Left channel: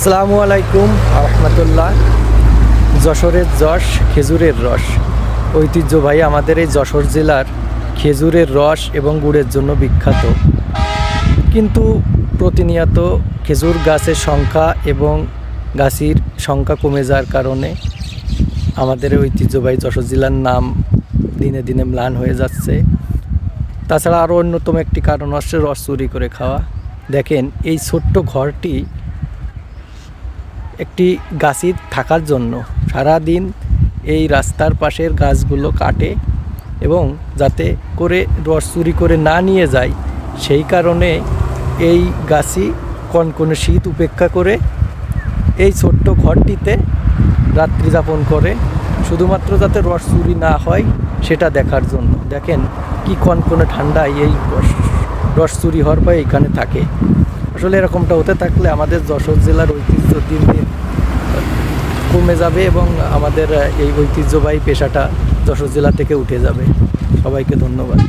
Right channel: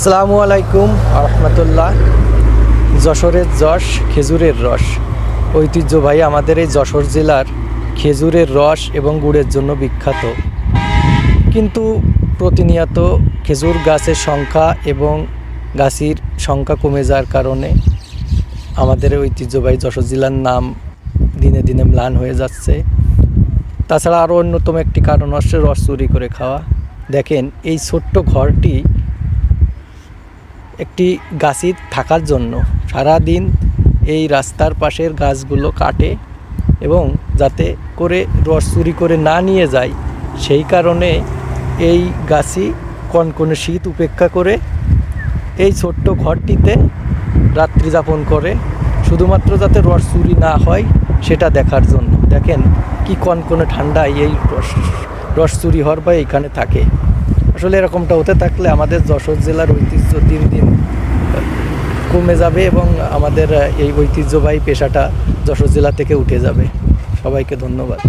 আসসালামু আলাইকুম রহমতুল্লাহ। যশোরের যশ, খেজুরের রস। ঐতিহ্যবাহী আমাদের এই যশোর জেলার খেজুরের রস এবং গুড়ের জন্য বিখ্যাত। কিন্তু প্রতিনিয়ত খেজুর গাছের সংখ্যা এবং গাছের সংখ্যা কমে যাওয়ার কারণে আমাদের ঐতিহ্যবাহী যশোর জেলার নাম দিনে দিনে ম্লান হয়ে যাচ্ছে। তাছাড়া আরও অন্যতম একটি কারণ হচ্ছে রস চুরি করে খাওয়া। দেখেন, এই ছোট্ট ঘরটি একটি গাছের থাকার জন্য সারাদিন এই রাস্তার পাশের গাছগুলো কাটে এবং যাতে করে রস চুরি করে না নিয়ে যায়, সেই কারণে এই গাছই কনকনে শীত উপেক্ষা করে এই ছোট্ট ঘরটিতে রাত্রি যাপন করে, শুধুমাত্র যাতে রস চুরি না হয় সেটা দেখার জন্য। দেখেন কি কনকনে ঠান্ডায় এই রস চুরি হওয়ার পর এখানে থাকে। আসলে এরকমটা হতে থাকলে আমাদের যশোর জেলার ঐতিহ্য দিন দিন কমে যাবে এবং আমাদের এই ঐতিহ্যবাহী পেশাটা যশোর জেলা থেকে উঠে যাবে। সবাইকে ধন্যবাদ।